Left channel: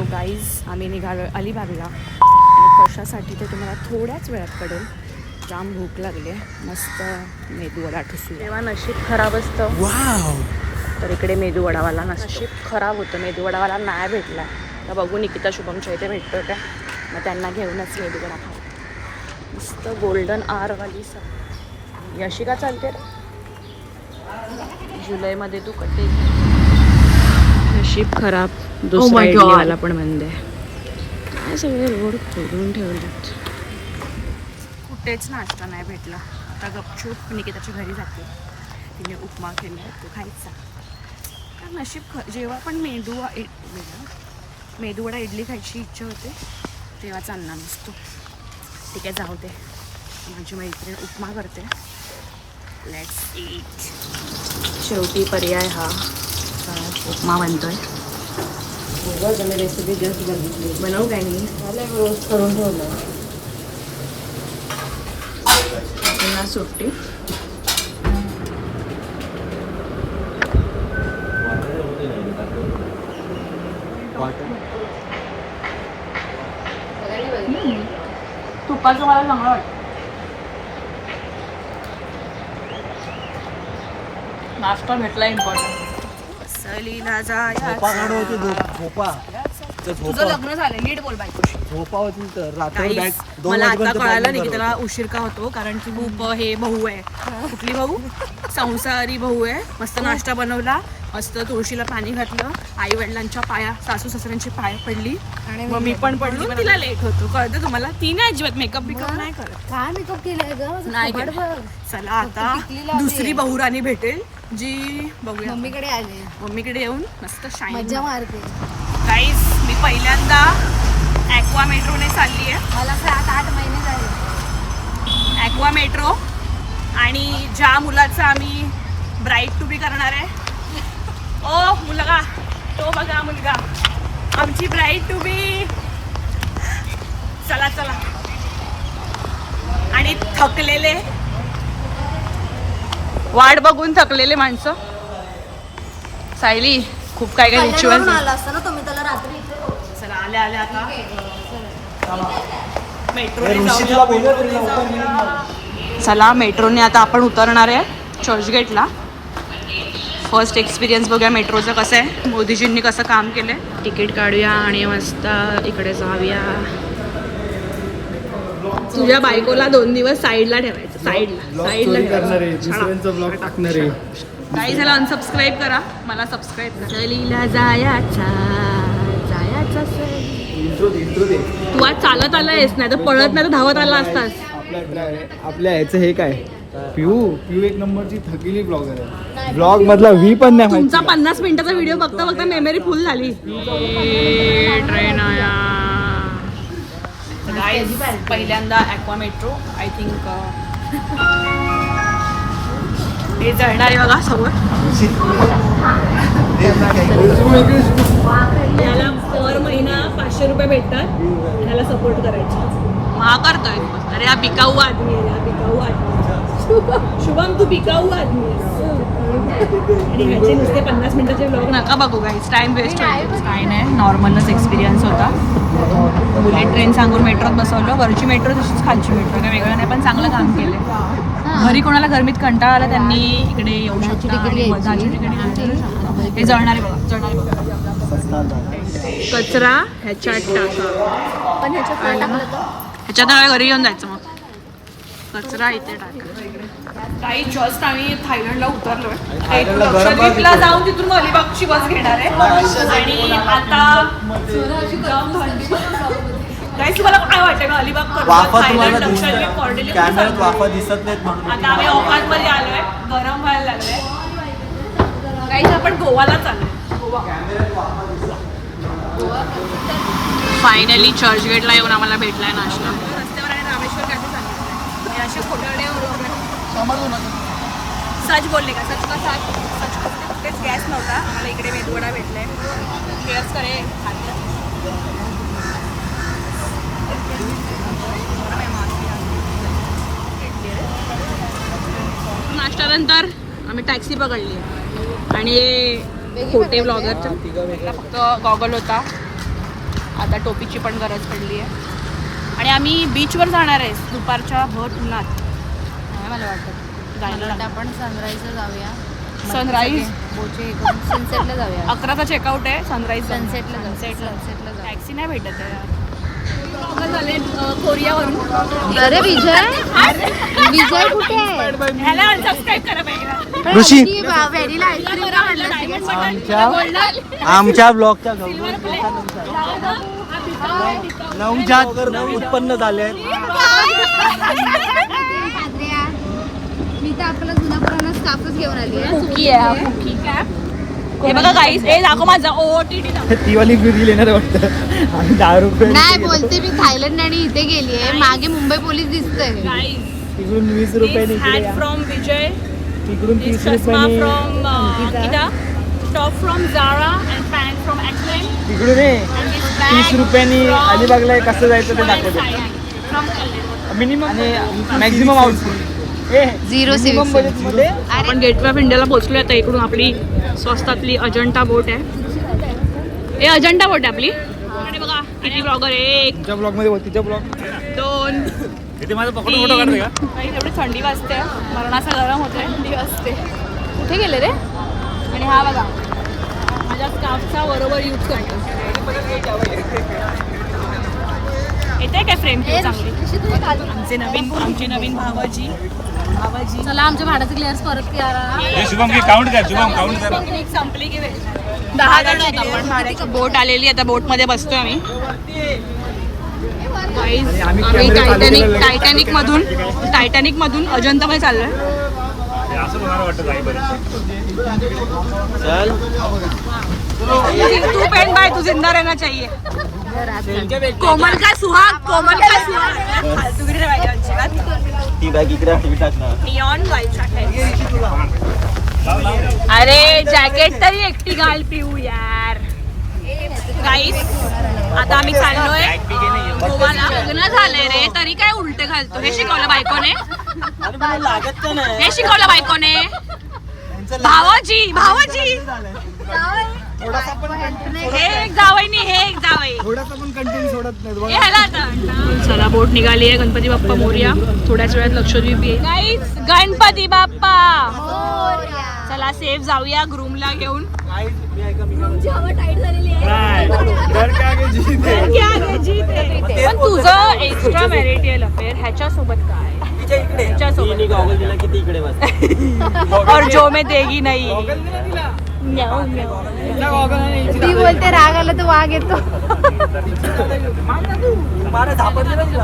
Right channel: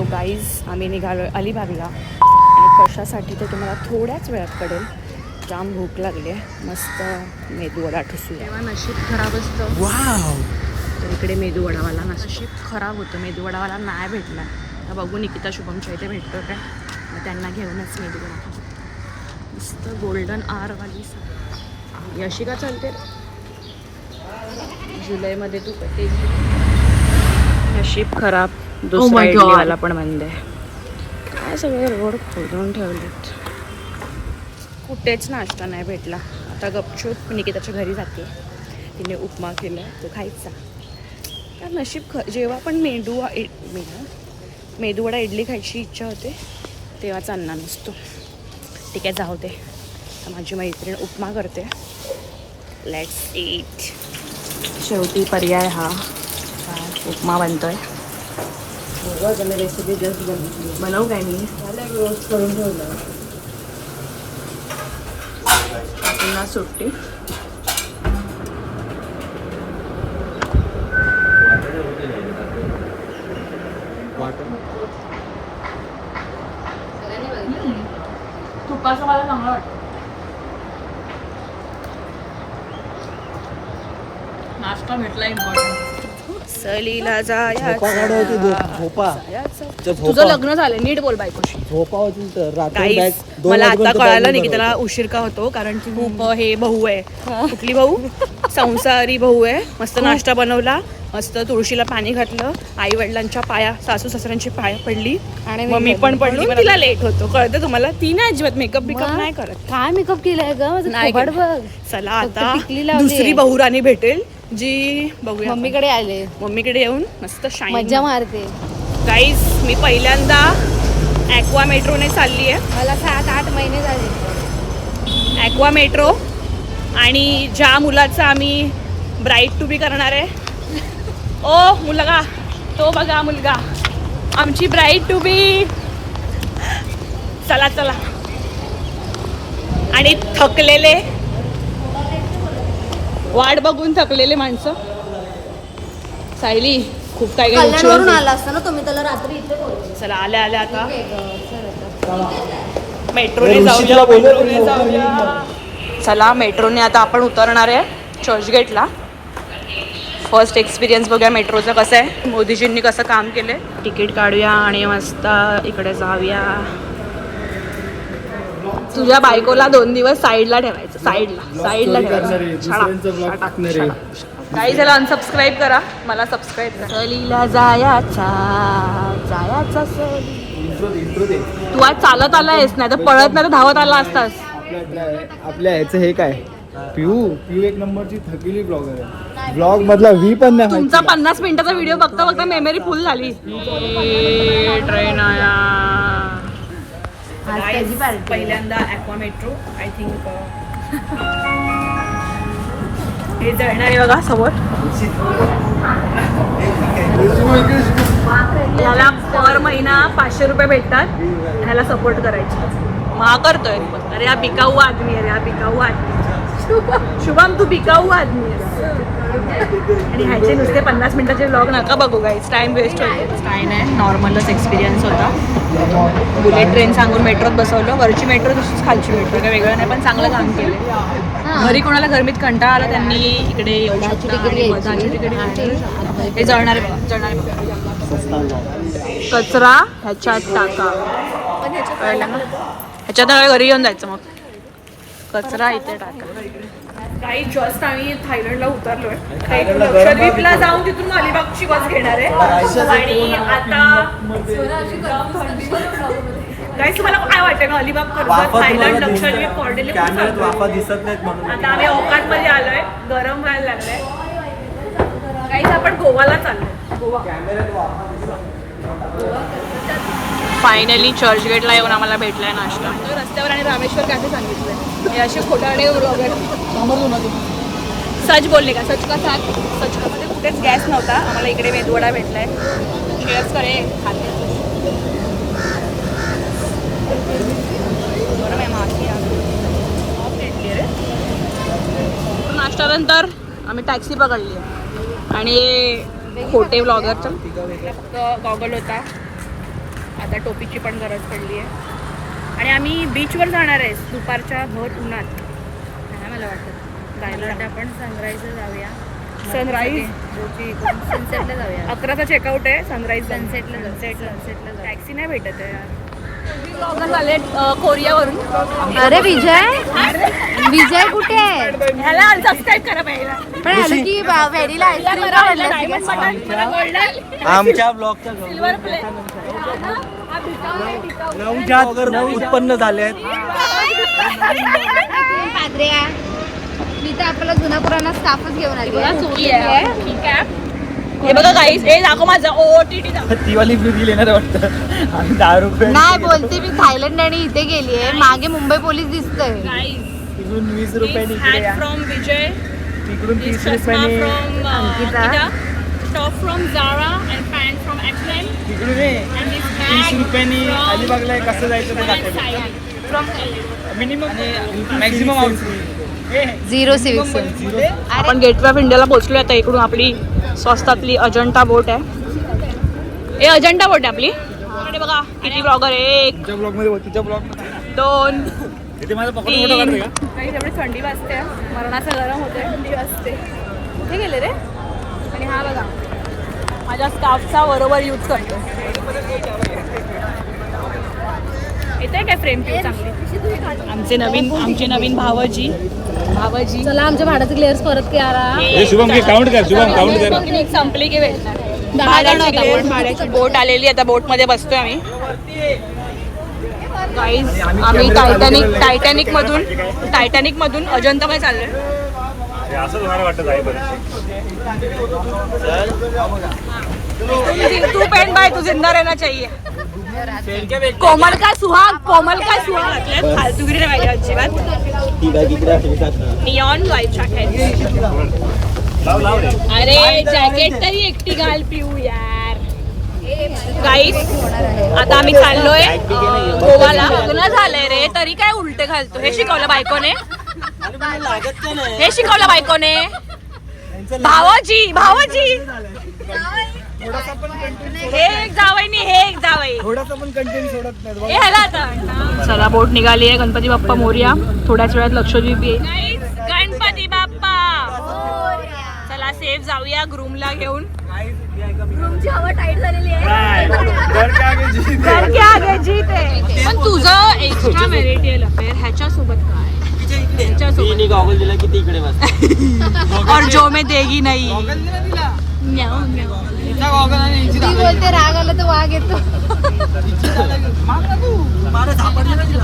So guys आम्ही निघालो अलिबागला आणि कशासाठी ते तुम्हाला थोड्याच वेळात कळेल. जाम भूक लागली आहे. मस्त मेदूवडा ठुसू. तेव्हा नशीब खराब असतं. वाव. तर इकडे मेदूवडावाला नशीब खराब होतं. मेदूवडावाला नाही भेटला. तर बघू निकिता शुभमच्या इथे भेटतो काय, मग त्यांना घेऊनच मेदूवडा खाऊ. मस्त गोल्डन आरवाली यशिका चालते जुलैमध्ये तू कटे. नशीब खराब. दुसरा इडलीवाला पण बंद आहे. काय सगळे रोड खोदून ठेवलेत. कुठेच नाश्ता नाही भेटला. आता गपचूप निकिताच्या घरी जाते. तिने उपमा केला तो खायचा. तर नशीब जेव्हा पण मेदूवडा इडली खायची इच्छा होते तेव्हाच अन्ना नसतो. ठीक आहे जाऊ दे. माझी मैत्रीण उपमा करते. Let's eat. शेवटी पर्याय हा उपमा बनतोय. रेसिपी जस्ट बघितली. बनवू काय मी रोज करून ठेवलं. पुन्हा सुट्टी. तुपाचं मला चांगलं वाटतं. नाश्ता भेटला इम्पॉर्टंट. सलीला जाया. तुझं लग्न झालं नीट बोल बायकोशी. मला आता कळालं नाही की त्याला उशीर का होतो, कारण की खूप हे भाऊ आहे. कुठली भाऊ? संसारी भाऊ आहे. मस्त नाश्ता बनवला, मस्त तुळशीला पाणी घातलं, आई वडिलांच्या पाया, सासू सासऱ्यांची पाया पडली आणि मम्मी पण पडली. तिला लेट होतो कळतं तुम्हाला. ती नाही अजिबात मेकअप बिकअप नाही करत. काय मेकअप केलाय ग? चला आता दुसरी बहुराणी भेटेल जी बघूया. मम्मीकडे आले. मम्मीकडे येऊन मस्त शाईन मज्जा मारते. गाईज मी पहिल्यांदा ॲक्वा मेट्रोने चालली आहे. मला 7-8 महिने झाले ॲक्वा मेट्रो. आणि ज्या मुलाचं आम्ही ब्राईड टू बी करणार आहे. ओ मुलगा, तो बघा मुलगा, आमची ब्राईड टू बी. चला चला. आणि थकलेले, वाट बघून थकलेले माणसं. सायली खूप काय काय रिच्युअल आला असता ना तुम्ही त्याला रात्री इथे बोलवलं. चला आल्या आल्या आता मेट्रोने जाऊया. मेट्रोने जाऊया. चला मेट्रोने आता आपण उतरणार आहे चर्चगेटला. फर्स्ट एक्सपिरियन्स बघूया मेट्रोचं कसं आहे. मोदीजींनी कसं काम केलंय. तिकीट काढूया आणि मस्त इकडे जाऊया. तुझ्या बायकोला 2 दिवस साईडला ठेवायचं. साईडला ठेवायचं. काही झालं अनसबस्क्राईब करा, मला सबस्क्राईब करा. सलीला जायाचा तू आज चालत आला आहेस, नाही तर पळत नाही तर धावत आला असतास. आपल्या ह्याचं हे काय पिऊ एक नंबरची थकिली ब्लॉगर आहे. ब्लॉग मधला व्ही पण नाही. तुमचा 50 मिनिटाचा व्हिडिओ बघता बघता मेमरी फुल झाली. ट्रेन आया. पहिल्यांदा ॲक्वा मेट्रो. आय थिंक हे जळणार आहे बघा समोर. याला पर महिना 500 रुपये भेटतात. ह्याला सपोर्ट करायचे. महाग करतोय. अरे हा बिकाऊ आदमी आहे. हा बिकाऊ आदमी. शुभम तू बिकाऊ आदमी. आणि ह्याचे नुसते 50 मिनिटाचे व्लॉग नका बघू गाईज, टाइम वेस्ट होईल. काय नाही, नॉर्मलच एक्सपिरियन्स होता. बुलेट ट्रेन सांगून मेट्रोत बसवलं. वरची मेट्रो तशीच खालची मेट्रो, काय वेगळं नाही, पण चांगलं काम केलं. घरी कोणाला गरमीत कंटाळा आला त्यांनी इकडे येऊ शकता. हे जळणारे बघा, जळणारे बघा. कचरा ह्याच्यात टाका. कळलं ना? ह्याच्यात घरी घेऊन जायचं. मग कचरा इथे टाका. काही जस्ट आम्ही थायलंडला उतरलोय. आता इथून लक्षद्वीपला जाऊन तिथून अलिबागची बस घेणार आहे. आणि आता काही तुम्हाला काय वाटतं अलिबाग कर्जत थायलंड लक्षद्वीप कॉर्डिनेट आता आम्ही औकात मध्ये आलोय. गरम व्हायला लागलंय. काही आपण गोवाला चाललोय. गोवा फायनली चर्चगेटला येऊन आम्हाला भेटलाय नाश्ता. रस्त्यावर आणि रामेश्वर कॅफे सांगितलंय. हे असे खोटारडे ब्लॉगर सच बोलले का? सच का सच का? कुठेच गॅस नव्हता. आम्हाला इकडे मेदूवडा भेटलाय. इकडेच करे खाते. नाश्त्यानंतर आम्ही टॅक्सी पकडली आहे. आणि खोटे ब्लॉगर तर फक्त गॉगल होता. आता टोपीची पण गरज पडली आहे. आणि आम्ही बीचवर जाणार आहे दुपारच्या भर उन्हात. नाही मला वाटत जायला आपण सनराईजला जाऊया. सनराईज सनसेटला जाऊया. 11चा चेकआउट आहे. सनराईज सनसेटला सनसेटला जाऊ. टॅक्सी नाही भेटत आहे यार. झाले कोरियावरून. अरे विजय विजय कुठे आहे? ह्याला सबस्क्राईब करा पहिला. ऋषी आमच्या ब्लॉगच्या नवजात उत्पन्न झाले. पात्र्या मी तर आपला जुना पुराणा स्टाफच घेऊन आली. कुकी आहे कुकी कॅप. हे बघा गाईस हे दाखव माझा OOTD दाखव. ती वाली बिल येणार वाटतं. आणि 10 रुपये नाही बोलते मी थायलंड आणि इथे गेलीये. मागे मुंबई पोलीस दिसतंय. गाईस तिकडून 20 रुपयाने इकडे या. फ्रॉम विजय. तिकडून 30 चष्मा रुपयाने from Ankita. Top from Zara and pant from H&M. तिकडून ये. And this 30 bag रुपयाने from अलिबागला कसं जायचं ते Women's दाखवतो. Side. From minimum maximum Zero civic sense. आपण गेटवे ऑफ इंडियाला पोहोचलो. आता इकडून आपली स्वस्तातली अजंठा बोट आहे. हे अजंठा बोट आहे आपली. इकडे बघा किती ब्लॉगर आहे. 1 तुझ्या ब्लॉग मध्ये तिच्या ब्लॉग 2 तिथे माझा पकडून फोटो काढते का? काही एवढी थंडी वाजते. मरणाचं गरम होते. थंडी वाजते. कुठे गेले रे? आणि हा बघा माझ्या स्कार्फचा बरोबर यूज करतो. येते काय फ्रेम किंवा चांगली. आमचे नवीन भावजी. चला आमच्या भाड्याचे क्लिअर्स परत करा. हे शुभम की काउंट कर. शुभम काउंट कर. पिकनिक संपली की भेटणार. 10 जण भाड्याची बोट आलेली. आता बोट मध्ये बसतोय आम्ही. गाईज आम्ही टायटॅनिक मधून अजंता मध्ये चाललोय. तू पेन बाय तू जिंदा रहना चाहिए. कोमल का सुहाग फालतूगिरी नाही पाहिजे अजिबात. Neon life jacket. अरे जॅकेट तरी एकटी घाल पिऊ यार. गाईस आता आम्ही चाललोय गोवाला. लग्न झालंय रे तरी काय उलटे घालतो. हे शिकवलं बायकोने. भावाजी हे एक जावई नाही हे एक जावई. थोडासा पण कंटेंट सोडत नाही. हे ह्याला आता. चला बोट निघाली आहे. गणपती बाप्पा मोरया. थोड्याच वेळात लक्षद्वीप येईल. गणपती बाप्पा. चला सेफ जाऊया ग्रूमला घेऊन. रूमची हवा टाईट झालेली आहे. पण तुझं एक्स्ट्रा मॅरिटल अफेअर ह्याच्यासोबत काय? और जो मैं देगी नाही. ती बोलते राग आला तर वाघ येतो.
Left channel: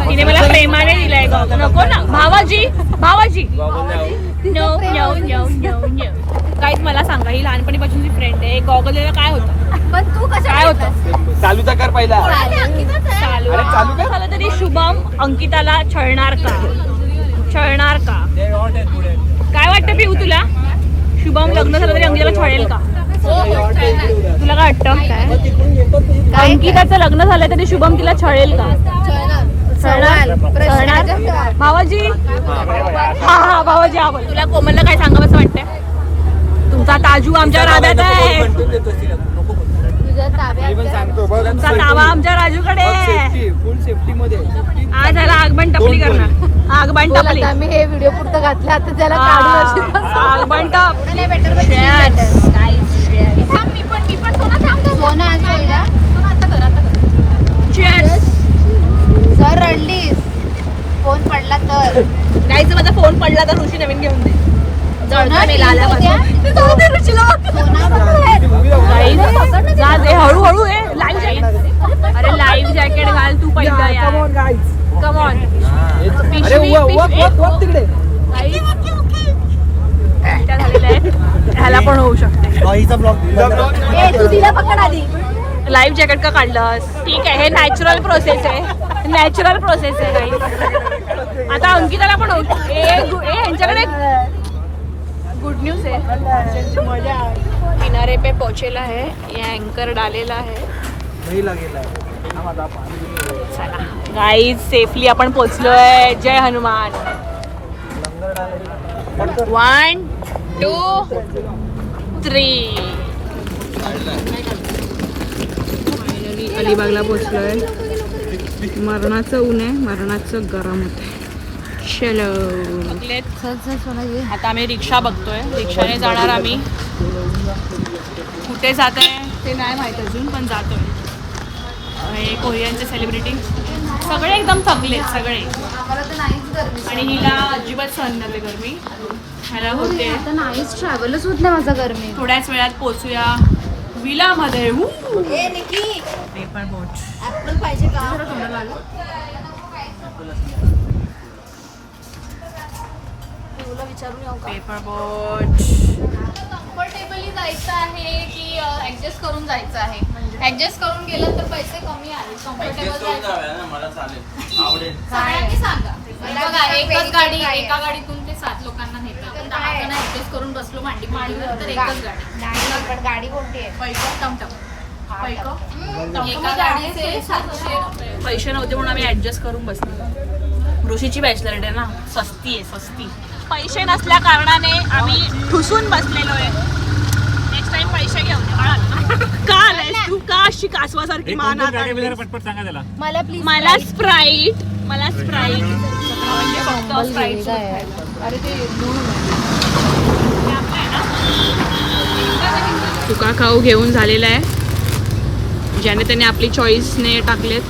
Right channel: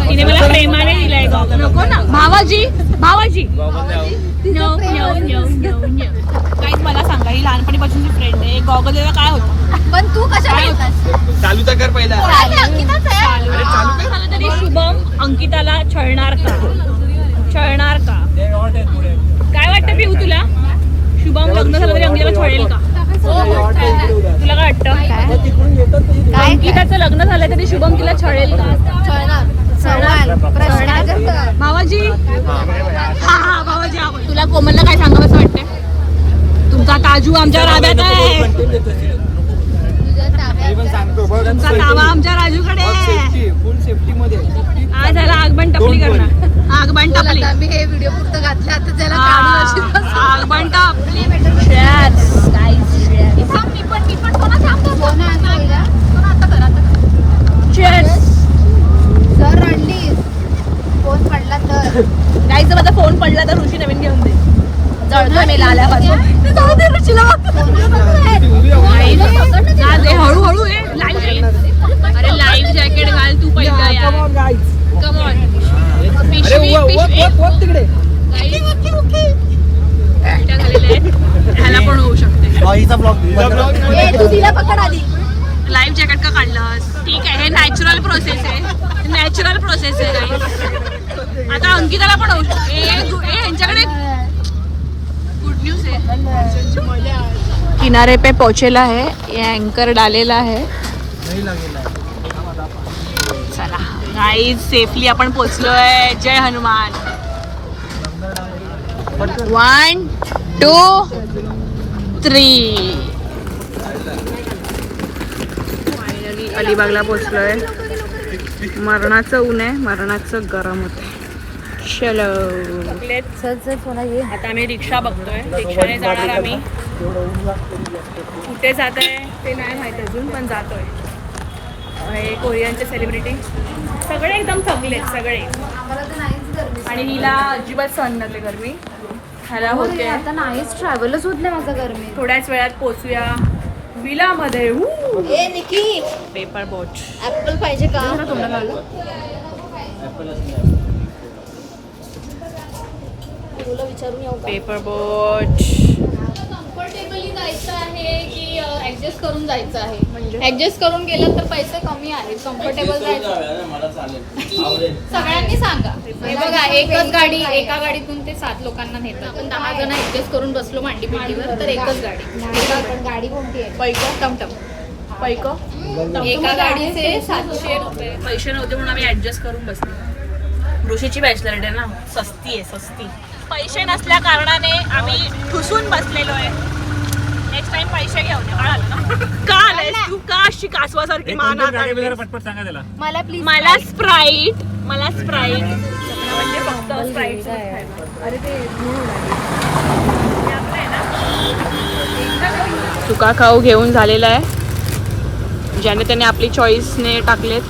तिने मला प्रेमाने दिलाय गॉगल. नको ना भावाजी. नो काहीच. मला सांगा ही लहानपणीपासूनची फ्रेंड आहे. गॉगल काय होतं? पण तू कशा काय होतं? चालू तर कर पहिला. चालू तर झालं तरी शुभम अंकिताला छळणार का? काय वाटतं पिऊ तुला? शुभम लग्न झालं तरी अंकिताला छळेल का? तुला काय वाटतं? अंकिताचं लग्न झालं तरी शुभम तिला छळेल का? भावाजी. हा भावाजी आवड. तुला कोमलला काय सांगावं असं वाटतंय? तुमचा ताजू आमच्या राब्यात आहे. तुमचा तावा आमच्या राजूकडे आहे. फुल सेफ्टी मध्ये. आज त्याला आगबन टपली करणार. आगबन टपली. मी हे व्हिडिओ पुरतं घातलं आता त्याला आगबन टप. सर रडलीस फोन पडला तर. गाईचा माझा फोन पडला तर ऋषी नवीन घेऊन दे. जळतोय मी आल्यापासून. जा दे हळूहळू. अरे लाईव्ह जॅकेट घाल तू पहिला यार. Come on. ह्याला पण होऊ शकते. लाईव्ह जॅकेट का काढलंस? ठीक आहे हे नॅचरल प्रोसेस आहे काही. आता अंकिताला पण होऊ शकते. यांच्याकडे गुड न्यूज है. किनारे पे पहुंचेला है. ये एंकर डालेला है. चला गाईज सेफली आपण पोचलोय. जय हनुमान. 1 2 3. फायनली फायनली अलिबागला पोचलोय. मरणाचं ऊन आहे, मरणाचं गरम होते. चलो आता आम्ही रिक्षा बघतोय. रिक्षाने जाणार आम्ही. कुठे जात आहे ते नाही माहिती अजून, पण जातोय. हे कोरियनचे सेलिब्रिटी सगळे एकदम थकलेत सगळे. आणि हिला अजिबात सहन नव्हते गरमी. ह्याला होते. नाहीच ट्रॅव्हलच होत नाही माझं गरमी. थोड्याच वेळात पोचूया विलामध्ये. पेपर बोट ऍपल पाहिजे का? पेपर बोट. कम्फर्टेबली जायचं आहे की ऍडजस्ट करून जायचं आहे? म्हणजे ऍडजस्ट करून गेलं तर पैसे कमी आहेत. कम्फर्टेबल जायचं सगळ्यांनी सांगा. हे बघा, एकच गाडी, एका गाडीतून ते 7 लोकांना नेतात. 10 जण ऍडजस्ट करून बसलो मांडी पिंडीवर तर एकच गाडी. गाडी कोणती आहे? पैक टमटम. पैक एका गाडीचे 700 रुपये. पैसे नव्हते म्हणून आम्ही ऍडजस्ट करून बसलो. ऋषीची बॅचलर आहे ना, सस्ती आहे सस्ती. पैसे नसल्या कारणाने आम्ही ठुसून बसलेलो आहे. नेक्स्ट टाइम पैसे घेऊन का आलायस तू? का अशी कासवासारखी मान पटपट सांगा त्याला. मला स्प्राईट. मला स्प्राईट म्हणजे फक्त स्प्राईट. अरे ते धूळ उडाली. तुका खाऊ घेऊन झालेला आहे, ज्याने त्याने आपली चॉईसने टाकलेत.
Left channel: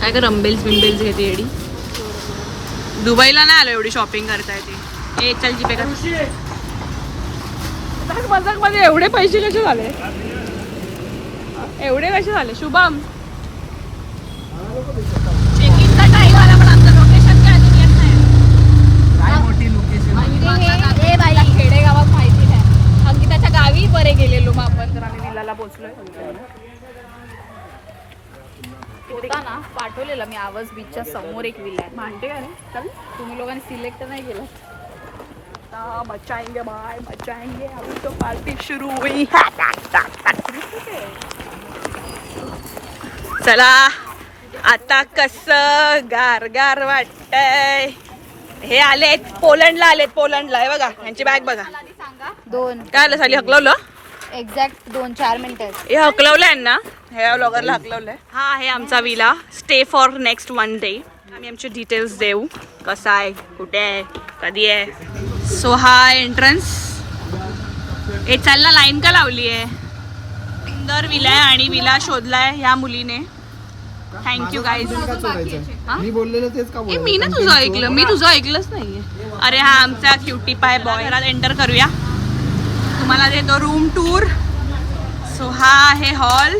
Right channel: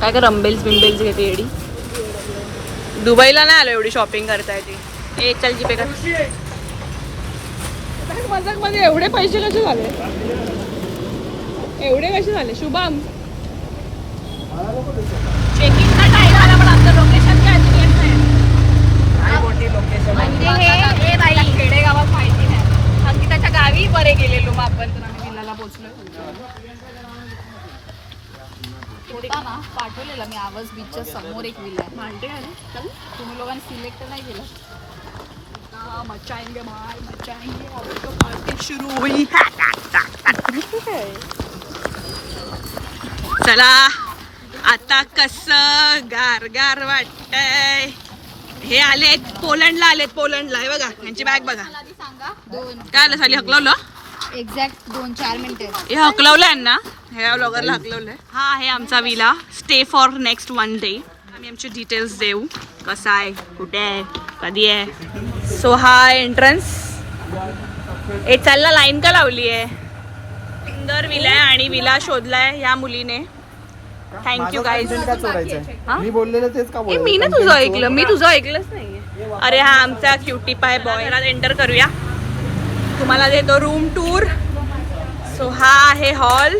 काय का रंबेल्स बिंबेल्स घेते एवढी. दुबईला नाही आलो एवढी शॉपिंग करता येते. एक चल जीपे कर. मजाक मध्ये एवढे पैसे कसे झाले? एवढे कसे झाले शुभम? चेकिंगचा टाइम आला पण आमचं लोकेशन काय अजून येत नाही. खेडेगावात माहिती नाही. आम्ही त्याच्या गावी बरे गेलेलो मग आपण, तर आम्ही विलाला पोहोचलोय. ना पाठवलेला मी आवाज बीचच्या समोर एक विला आहे. मानते का रे? चल तुम्ही लोकांनी सिलेक्ट नाही केलं. मचाएंगे भाई मचाएंगे. अभी तो पार्टी शुरू हुई. चला आता कसं गार वाटतंय. हे आलेत पोलंडला, आलेत पोलंडला. हे बघा यांची बॅग बघा. सांगा 2 काय आलं साली? हकलवलं एक्झॅक्ट 2-4 मिनिटं. हे हकलवलं यांना. ह्या ब्लॉगरला हकलवलंय. हा आहे आमचा villa. Stay for next 1 day. आम्ही आमचे डिटेल्स देऊ. कसा आहे, कुठे आहे, कधी आहे. सो हा एंट्रन्स. ए चालला, लाईन का लावली आहे? सुंदर विला आहे आणि विला शोधलाय या मुलीने. Thank you guys. मी बोललेलं तेच का मी ना तुझं ऐकलं. मी तुझं ऐकलंच नाही. अरे हा आमचा क्युटी पाय बॉय. ह्याला एंटर करूया. तुम्हाला देतो रूम टूर. सो हा आहे hall,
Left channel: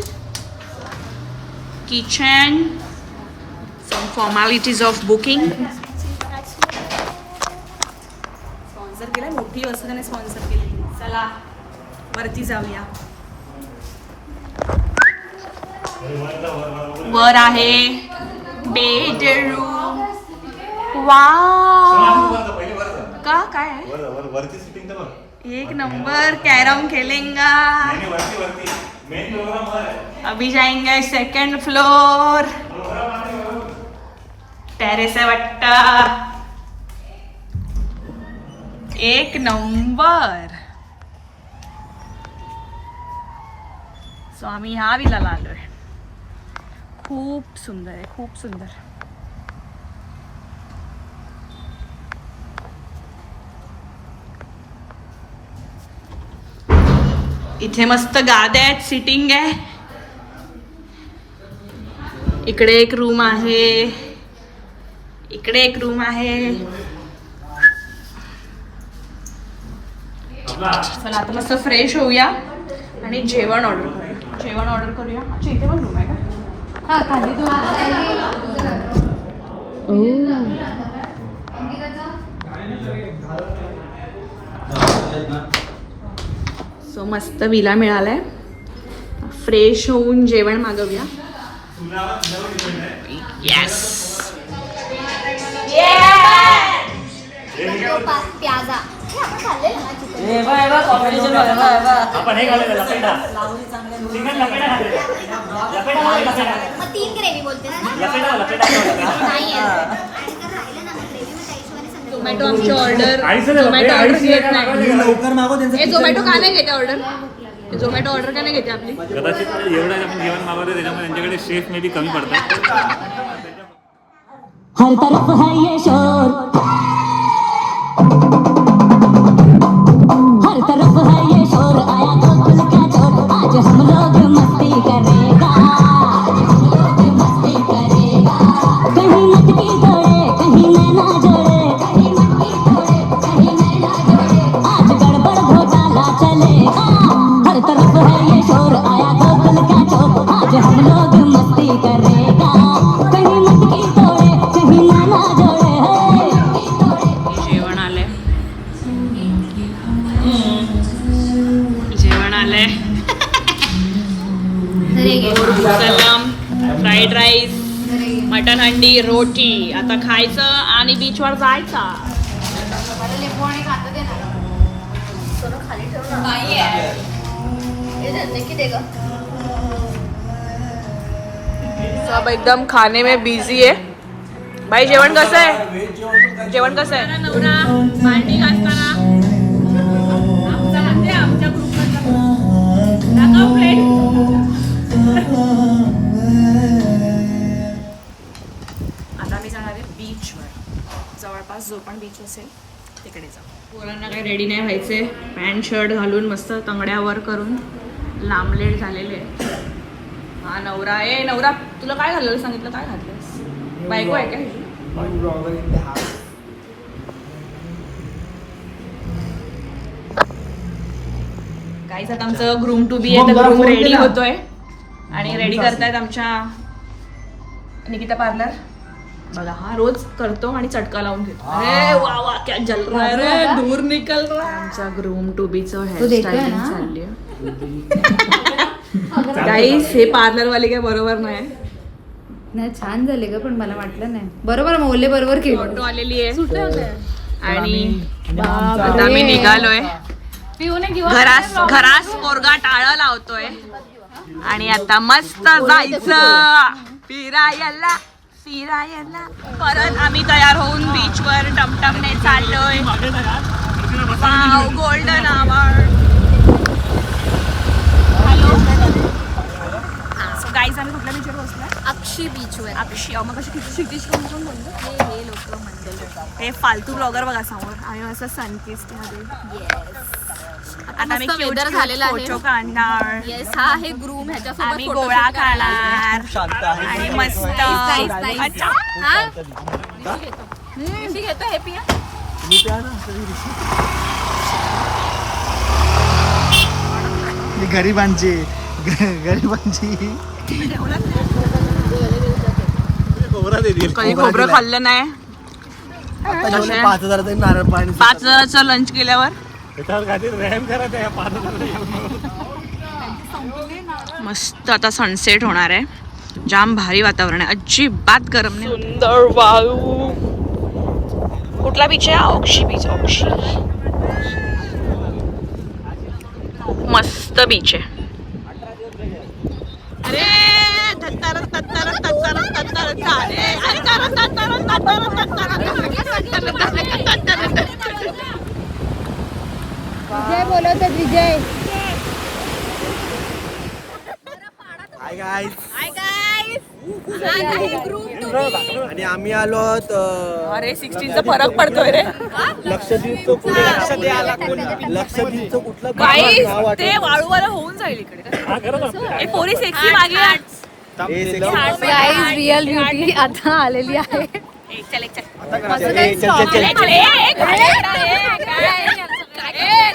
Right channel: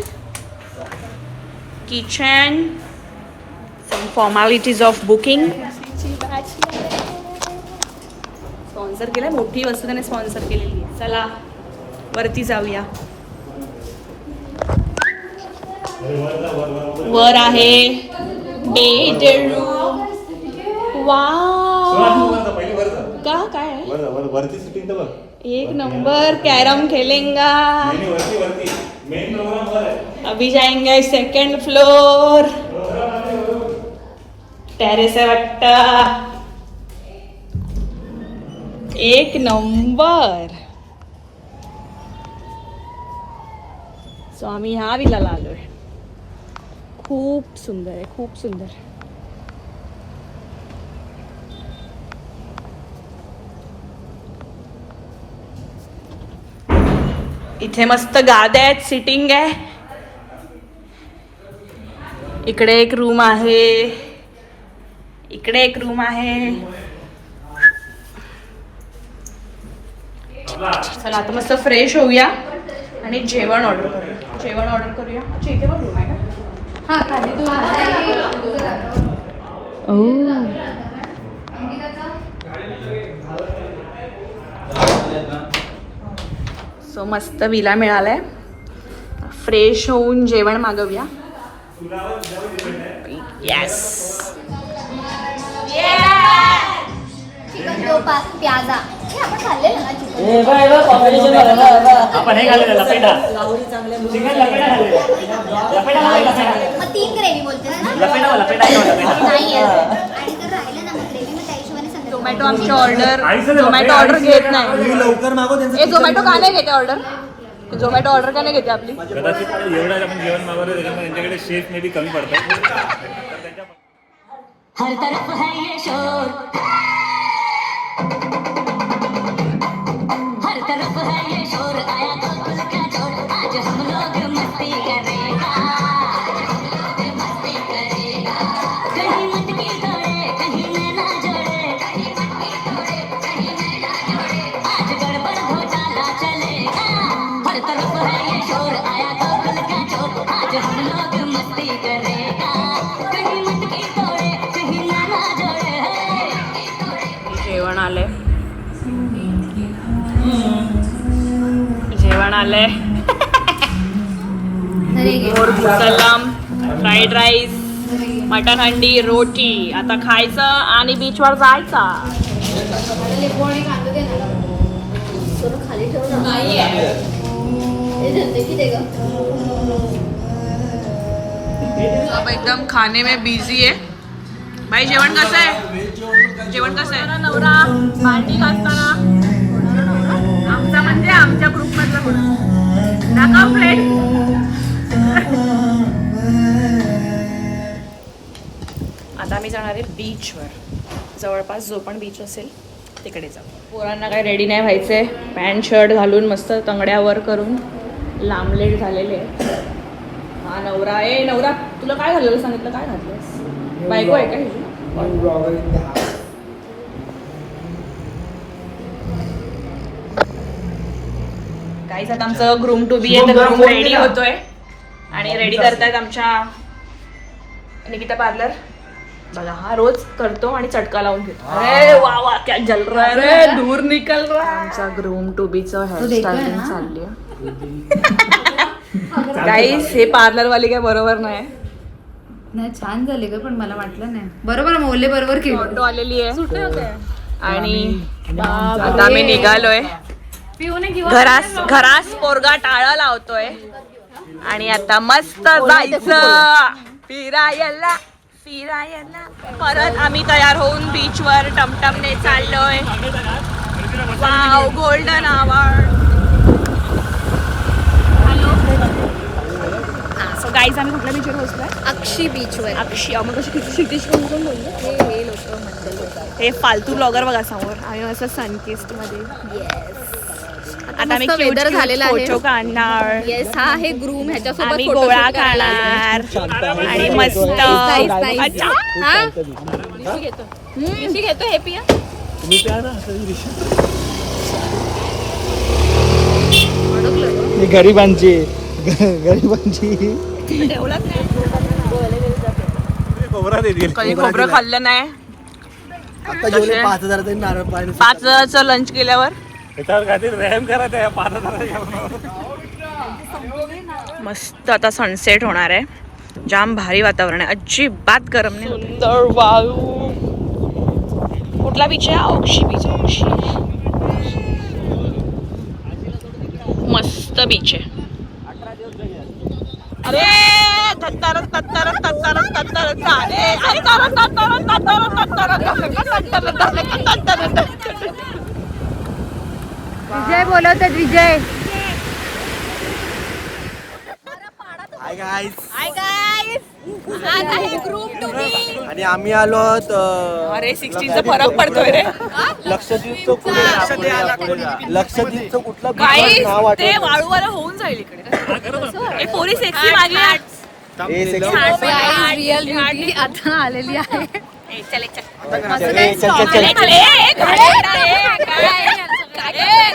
kitchen, some formalities of booking. Sponsor केलंय, मोठी वस्तू त्याने स्पॉन्सर केलेली आहे. चला वरती जाऊया. वर आहे बेडरूम. वाव का काय आहे? एक नंबर. कैरम खेलेंगा. अभी जाएंगे 2nd फ्लोर. टेरेस आहे वाटतं. एक नंबर. सो आम्ही ह्या विलाला आलोय. खूप सुंदर आहे, खूप सुंदर. इथे मस्त गाद्या आहेत, सिटिंग आहे. इकडे एक रूम आहे, इकडे एक रूम आहे. चला आता मस्त फ्रेश होऊया आणि जेवण ऑर्डर करूया. अच्छा इथे पण रूम आहे का? सो मस्त विला मिळालाय. फ्रेश होऊन जेवण मागवूया. येस प्याजा आपण हे घालेलं लपेटा. चिकन लपेटा घालेलं. 3 ग्रेव्ही बोलतेस ना? लपेटा नाही आणि तर राहिलं ना मग ग्रेव्ही, मग त्या हिशोबाने संध्याकाळी आमची ऑर्डर. आईचं दे बापरे, आईचं दे. लवकर मागव त्यांचं. झोमॅटो का नाही घेते ऑर्डर? झोमॅटो ऑर्डर का नाही घेते आपली? कदाचित एवढं आपण जेवण मागवलं त्याच्यामुळे त्यांच्याकडे शेफ मे बी कमी पडतात. हर तरफ है ये शोर, हर तरफ है ये शोर, आया तो खुल का चोर, आज हम लोग मस्ती करेगा, मस्ती करेगा, कहीं मटकी तोड़े कहीं नैना जोड़े, कहीं मटकी तोड़े कहीं नैना जोड़े, आज गड़बड़ घोटाला चलेगा, हर तरफ है ये शोर, आया तो खुल का चोर, आज हम लोग मस्ती करेगा, कहीं मटकी तोड़े कहीं नैना जोड़े, जेवण आले, जेवण आलंय. मोर सलाम, फ्राईड राईस, मटन हंडी, रोटी. आता खायचं आणि बीचवर जायचा. सब एकदम खाने में बिझी आहे. भाई जेवण कसं आहे? जेवण कसं आहे? नवरा भांडी घासताना आमचा म्हणजे आमच्या ग्रुप मधला फ्रेंड. आता आम्ही जाणार आहे बीचवर. जवळपास जो पण बीच असेल तिकडे जाऊ. पोरांना काही रेडी नाही व्हायचंय. पॅन्ट शर्ट घालून मस्त तंगड्यावर करून लांबलेट झालेले आहे. हा नवरा आहे. नवरा तुला काय घाललं सांगितलं? काय घातलंस? बायको आहे का हिची? काहीच आता आमचं ग्रूम टू बी आहे. ग्रूम रेडी होतोय आणि रेडी करतायत आमच्या निकिता पार्लर. बघा हा रोज करतो आणि चटका लावून घेतो. अरे वा वा क्या जल रहा है रे, दूर निकल रहा. आमचा ग्रूम टू बी चं हेअरस्टाईल चालली आहे. गाईस हे पार्लर वाले काय बरोबर नाही. नाही छान झाले ग, पण मला वाटलं नाही बरोबर. मौल्य बरोबर केलं. फोटो आलेली आहे आणि आता आम्ही निघालोय. घरास पोरगा टाळा लावतोय आणि आता मस्त जायचं फिरायला. परत आम्ही तयार होऊन बीचवर टमटमने चाललोय. Wow golden hour. So guys आम्ही कुठल्या बीचवर पोहोचलोय? अक्षी बीचवर. अक्षी मग कशी किती कोण बोललो? हे लोक म्हणतात हे फालतू ब्लॉगर बघा समोर. आम्ही असं सनकिस्ट मध्ये. आता आम्ही वेदर झालेला आहे. फोटो काढणार. येस हा आहे ग्रूम. ह्याच्यासोबत आम्ही गोळा खाणार आणि मस्त. अच्छा हा घेतो हे पिया. गरिबांची कधी खोबरं खाल्लं नाही. आता जेवढे 5,000 तरी नारळ पाणी. 5,000चं लंच केल्यावर मस्त आता सनसेट होणार आहे. जाम भारी वातावरण आहे. अजिबात गरम नाही होत. कुठला बीच आहे? अक्षी बीच. अक्षी मस्त बीच आहे. अरे तत्तर तत्तर तत्तर तत्तर झाले. अरे तत्तर तत्तर तत्तर तत्तर. विजय बोलवतात. विजय हाय गाईज. आणि आम्ही आलो आहोत अरे 16चा फरक पडतोय रे. लक्षद्वीपचं कुठलं गाईस ते वाळूवाला होऊन जाईल इकडे. पोरी सेक्सी मागे आता आलेली आहे.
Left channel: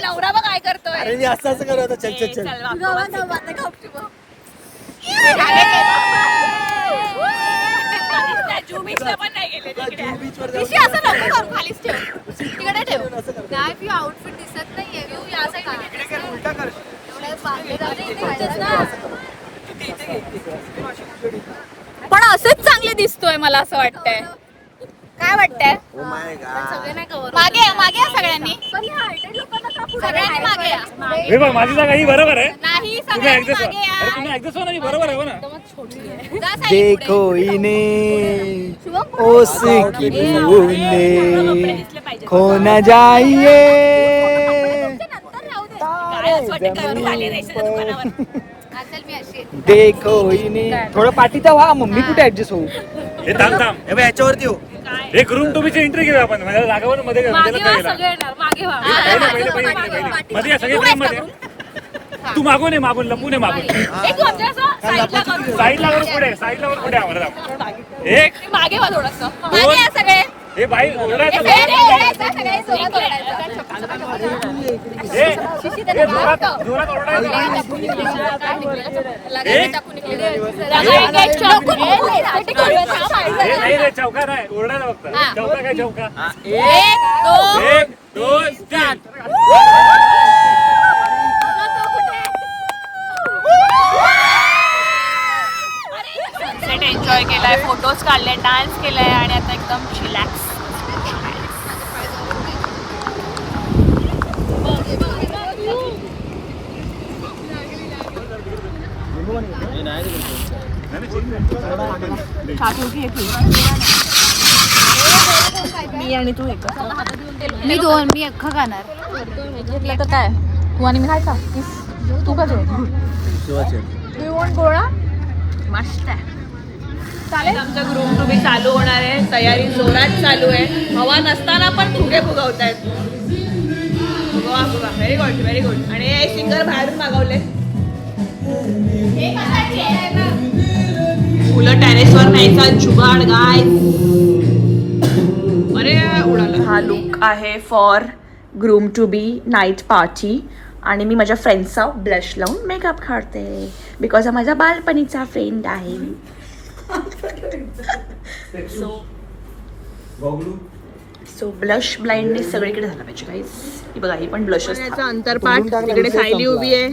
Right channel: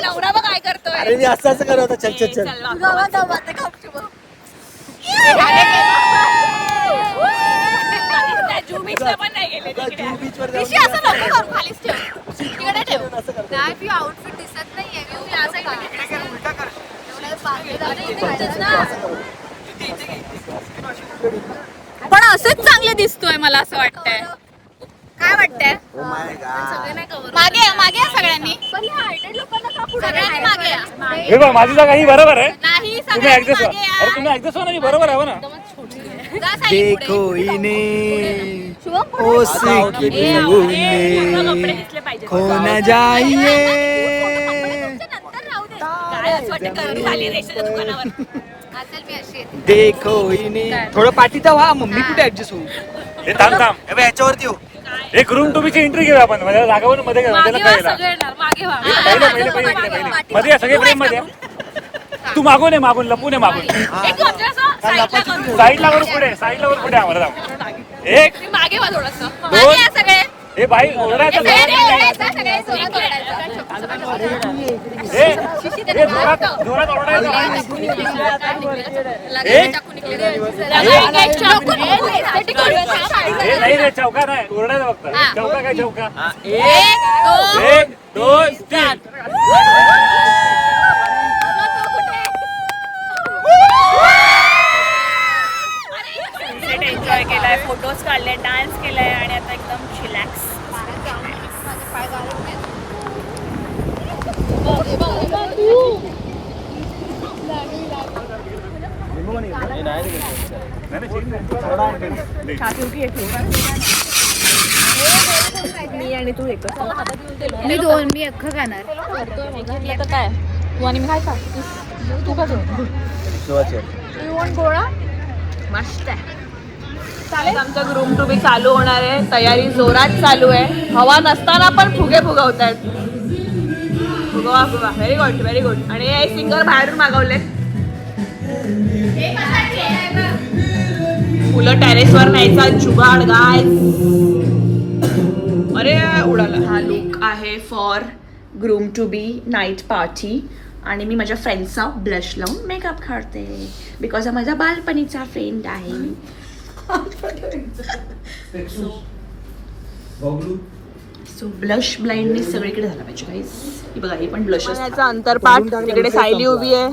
नवरा बघ काय करतोय. मी असं करत होतो. चल चल चल. पण नाही गेले तिकडे. असं नको करू. खालीच ठेव. तिकडे ठेव. नाही पी आउटफिट दिसत नाहीये ग. उलटा कर. पण असंच चांगले दिसतोय मला असं वाटतंय. काय वाटतंय? मागे या, मागे या सगळ्यांनी. सगळ्यांनी मागे या. माझी जागा ही बरोबर आहे. नाही सगळ्यांनी मागे या. तुम्ही ऍडजस्ट हो ना. बरोबर आहे ना. जा साई पुढे. देखो इन्हें ओ कपडे दिसले पाहिजे. खो न जाइए. काय असं वाटतं गर्दी झाली रेशनच्या दुकानावर. देखो हिने थोडं पाठीचा व्हा मम्मी कुठे ऍडजस्ट होऊ हे थांब थांब हे बघ, याच्यावरती हो एक रूम टूबीची एंट्री घेऊ आपण म्हणजे जागावर मध्ये घेऊ मागे त्याला व्हा, पहिला. सगळे येणार. मागे व्हा. पहिले, माझं पहिले, पण मागे व्हा. मध्ये या, सगळे फ्रेम मध्ये या. तू मागून आहे मागून लपून आहे मागून एक तू आमच्या असं साईडला करून. साईडला वर पुढे आम्हाला जाऊ. एक तुम्ही मागे व्हा थोडंसं. दोन सगळे हे बाई ओरडायचं सगळे जोरात सगळे जोरात ओरडायचं. जोरात ओरडायचं हे नाही रे चौका नाही ओरडायचं फक्त चौका काय चौका एक दोन तीन सनसेट एन्जॉय केलाय, फोटोज काढले, डान्स केलाय आणि आता एकदम रिलॅक्स. मी आणि तू एक मी दोन मी अख्खा खाणार काय तू आणि मी खायचा तू का मस्त आहे. आमचा ग्रूम टू बी चालू होणार आहे, तयारी जोरात चालू आहे. हवा नसताना पण फुगे फुगवतात. फुगवा फुगा, व्हेरी गुड व्हेरी गुड. आणि हे सिंगर बाहेरून मागवले. फुलं टेरेसवर न्यायचा जुगाड गाय. अरे उडाला. हा लुक आहे for groom to be night party. आणि मी माझ्या फ्रेंडचा ब्लश लावून मेकअप काढते बिकॉज हा माझा बालपणीचा फ्रेंड आहे. सो ब्लश ब्लाइंडनेस सगळीकडे झालं पाहिजे गाईस. ही बघा, हे पण ब्लश याचा अंतरपाठ. इकडे सायली उभी आहे,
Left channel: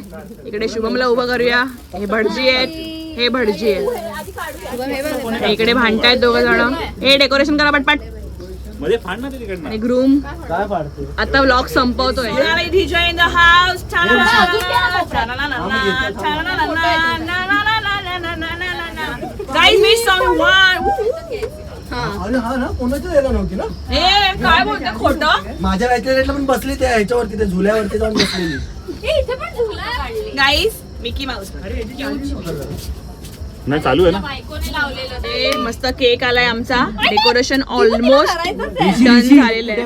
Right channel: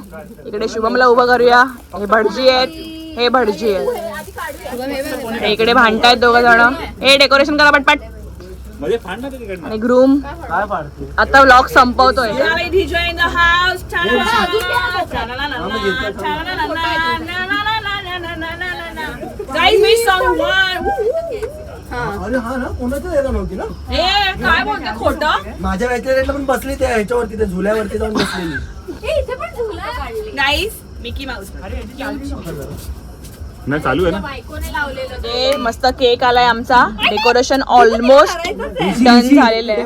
इकडे शुभमला उभं करूया. हे भटजी आहेत, हे भटजी आहेत. इकडे भांडतायत दोघं जण. हे डेकोरेशन करा पटपट. मध्ये फाड ना तिकडनं आणि ग्रूम आता व्लॉग संपवतोय. Guys wish song one. अरे हा ना कोणाच्या यायला नव्हती ना हे काय बोलते खोटं. माझ्या व्याच्या रेटला पण बसली त्या ह्याच्यावरती त्या झुल्यावरती जाऊन बसलेली. गाईज मिकी माऊस नाही चालू आहे ना हे मस्त केक आलाय आमचा. डेकोरेशन ऑलमोस्ट डन झालेलं आहे.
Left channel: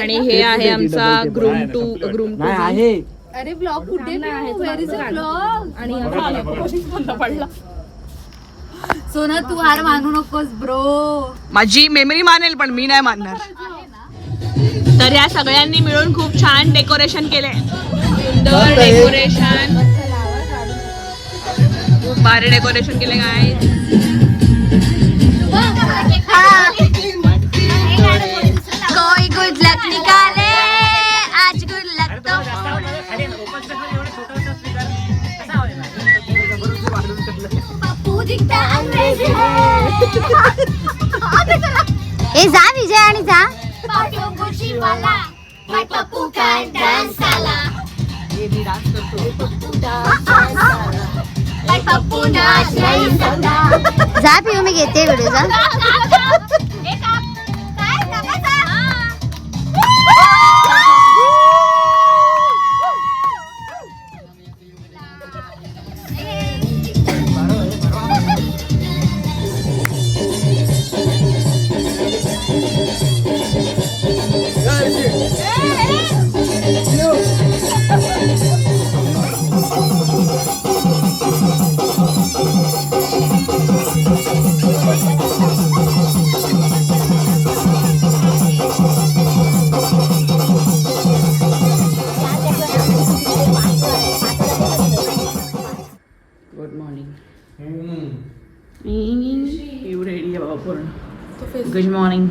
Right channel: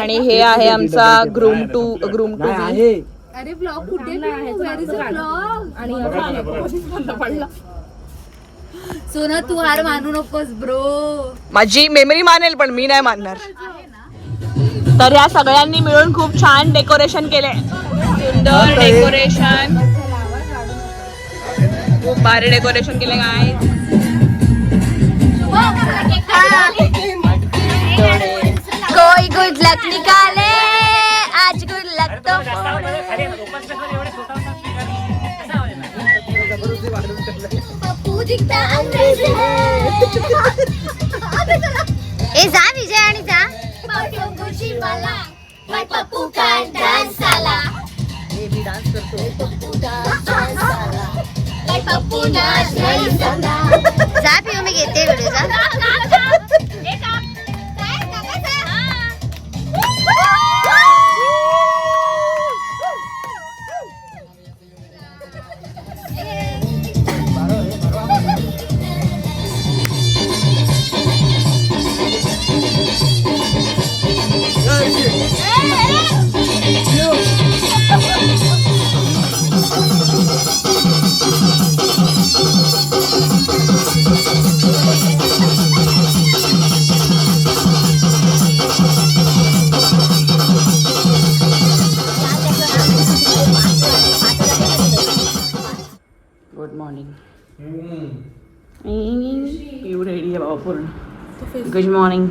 आणि हे आहे आमचा ग्रूम टू आहे अरे ब्लॉग कुठे वेर इज अ ब्लॉग आणि सोना तू हार मानू नकोस ब्रो. माझी मेमरी मानेल पण मी नाही मानणार. तर या सगळ्यांनी मिळून खूप छान डेकोरेशन केले. सुंदर डेकोरेशन, खूप भारी डेकोरेशन केले काय. कोई गुड लक निकाले आज गुड लक तो. ए जा विजय आणि जा जा पिऊ मी घेते व्हिडिओ जा. Good morning. पिऊ रेडी आहे बाबा पूर्ण. Good morning.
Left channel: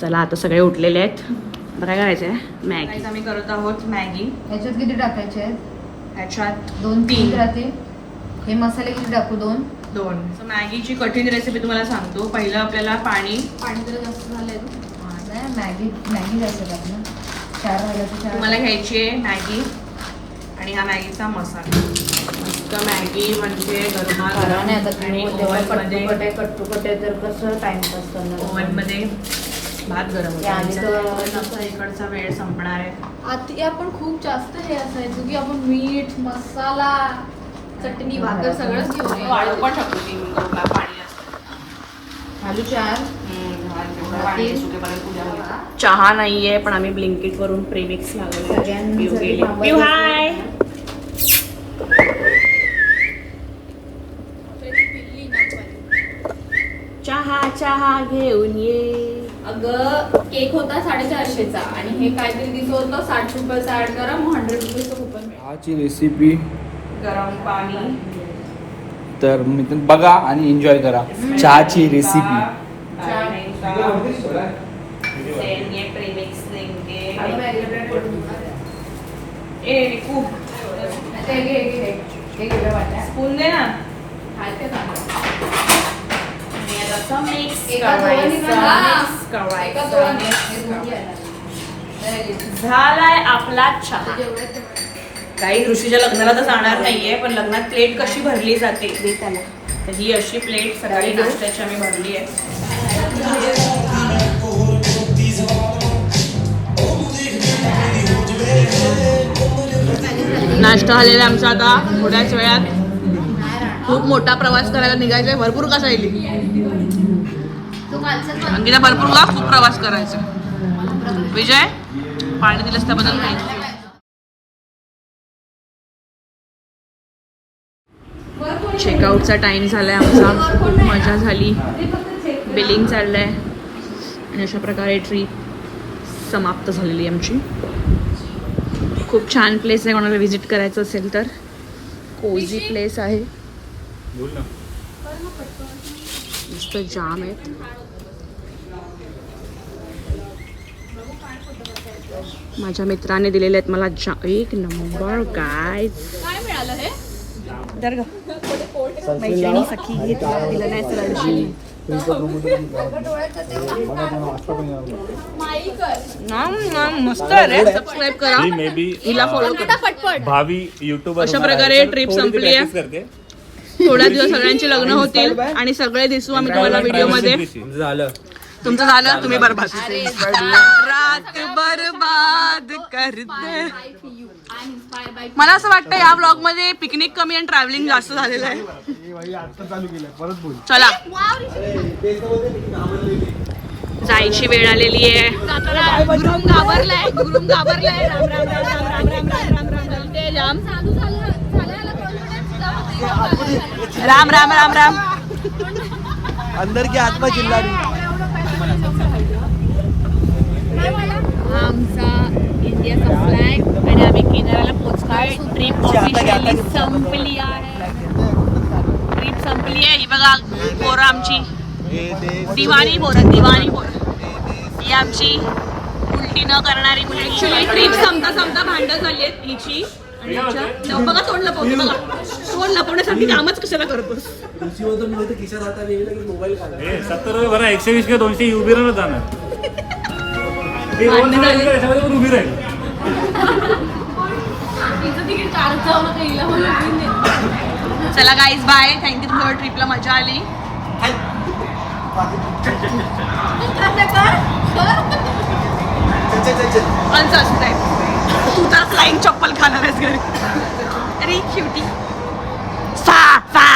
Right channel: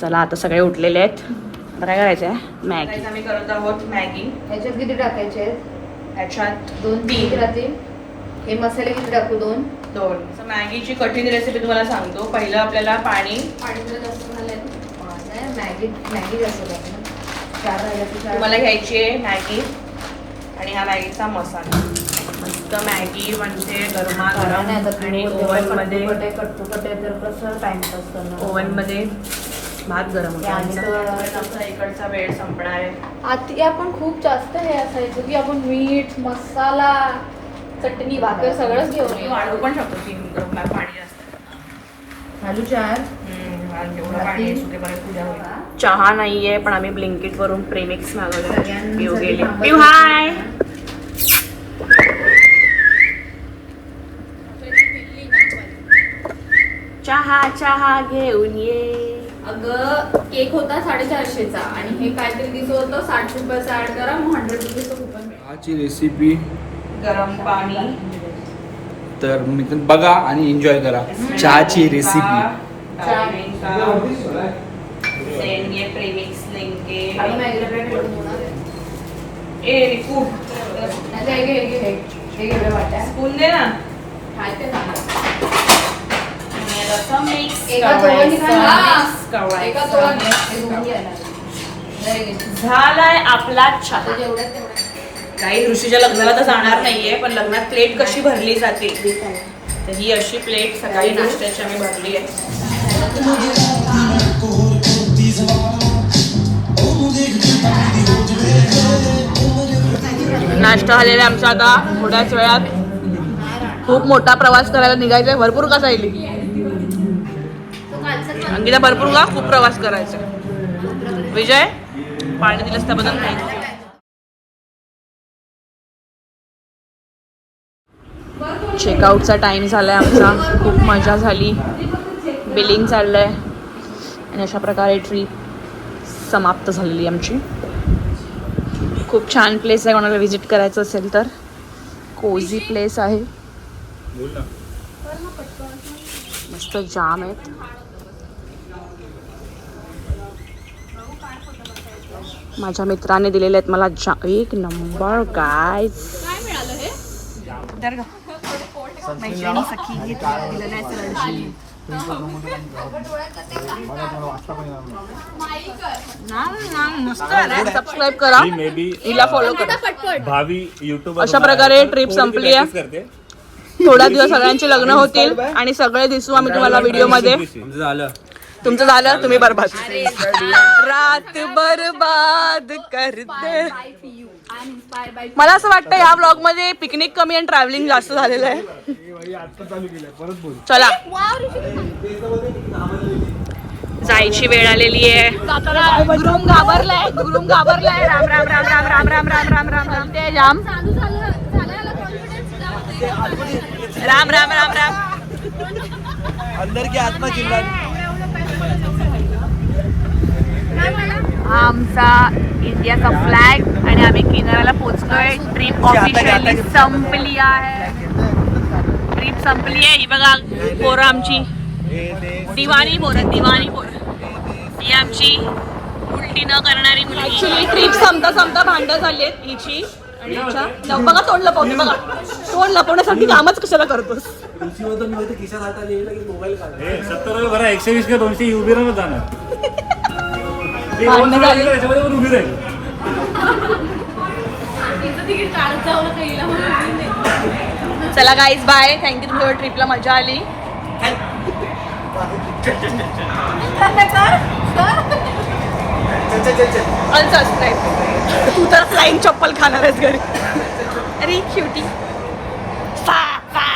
चला आता सगळे उठलेले आहेत. आता काय करायचं आहे? मॅगी आम्ही करत आहोत. मॅगी ह्याच्यात किती टाकायचे ह्याच्यात 2-3 राहतील. हे मसाले किती टाकू 2. मॅगीची कठीण रेसिपी तुम्हाला सांगतो. पहिलं आपल्याला पाणी जरा जास्त झालंय मॅगी जास्त टाकू ना. 4 राहिलं तर 4. तुम्हाला घ्यायची आहे मॅगी आणि हा मॅगीचा मसाला. मस्त मॅगी म्हणजे गरमागरम आणि ओव्हनमध्ये कट्टू तर कसं टाइमपास करणार. ओव्हनमध्ये भात गरम होता आमचा इकडचा वेळ संपणार आहे. आधी आपण खूप जास्त हे असायचं की आपण मीठ मसाला चटणी भाकर सगळंच घेऊन वाढवू यायचो. पण शकतो 3 मिनिटं पाणी चहा नाहीये पण आम्ही ब्लिंकिट वरून प्रेमिक्स मागवलं. पिऊ गेले. पिऊ हाय. चहा चहा घेऊन ये. अगं केक होता 450चा आणि हे काहीतरी दिसत होतं 60 रुपयाचा ऍड करा मग 100 रुपीचं कुपन मिळेल. चहाची रेसिपी गरम पाणी तर मित्रांनो बघा आणि एन्जॉय करा. चहाची रेसिपी प्रेमिक्स लेंगे. स्पून दे ना. झालाय आपला चहा. काही ऋषीच्या लग्नाला तर जाणार नाहीये पण लग्नात प्लेट कशी भरली जाते तर ही अशी प्लेट सकाळी नाश्त्याची आम्ही भरली आहे. नाश्ता झालेला आमचा आता थोड्याच वेळात खूप मोठा प्रवास करायला निघायचा. भरपूर का सायली अंकिता भरपूर का खूप प्रवास करायचा. विजय पाणी दिलंस त्याबद्दल थँक्यू. चेकआउटचा टाइम झालाय आमचा. खूप मजा झाली. बिलिंग चाललंय आणि अशा प्रकारे ट्रिप समाप्त झालेली आमची. खूप छान प्लेस आहे. कोणाला व्हिजिट करायचं असेल तर कोझी प्लेस आहे. मस्त जाम आहेत. माझ्या मित्राने दिलेले आहेत मला एक नंबर गाईज. काय मिळालं हे? दर ग मैत्रिणी सखी हे तुला दिलं नाही सरांची. मस्त आहे. सबस्क्राईब करा. हिला फॉलो करा. भावी युट्यूब अशा प्रकारे ट्रिप संपली आहे. थोड्या दिवस सगळ्यांचे लग्न होतील आणि सगळे दिसू आम्ही तुम्हाला व्हिडिओ मध्ये. तुमचं झालं तुम्ही बरबाद. रात बरबाद करते. मला असं वाटतं या व्लॉग मध्ये पिकनिक कमी आणि ट्रॅव्हलिंग जास्त झालेलं आहे. चला जायची वेळ आलेली आहे. गुरुम घाबरलाय. गुरुम घाबरलाय. राम राम राम राम राम राम राम राम राम राम ते जाम राम राम राम राम. अंदर की आत्मा चिल्ला. आमचा इंडियाचा फ्लॅग आणि आम्ही किनाऱ्याला पोहोचलोय. ट्रिप ऑफिशियली संपली आहे. ट्रिप संपली आहे. ही बघा पोरं आमची दिवाणी पोरं. दिवाणी पोरं ही आमची उलटी न करणारी मुलगी. ऍक्च्युली ट्रिप संपता संपता भांडण झाली आहेत हिची आणि हिच्या. बघा तोंड लपवते. बघा तोंड लपवण्यासाठी कामच कशाला करतोस. खिशात हातात येईल की मोबाईल काढ. 70 रुपये भरा. 120 किंवा 200 उभी राहणार जाणार. भांडणं झाली. त्याच्यामध्ये पण उभी राहील. चला गाईज बाय. थँक्यू. तुमच्या ट्रिपला मजा आली. अनसबस्क्राईब. तू तर फ्लाईंग चप्पल खाणार आहेस घरी. अरे शेवटी सा सा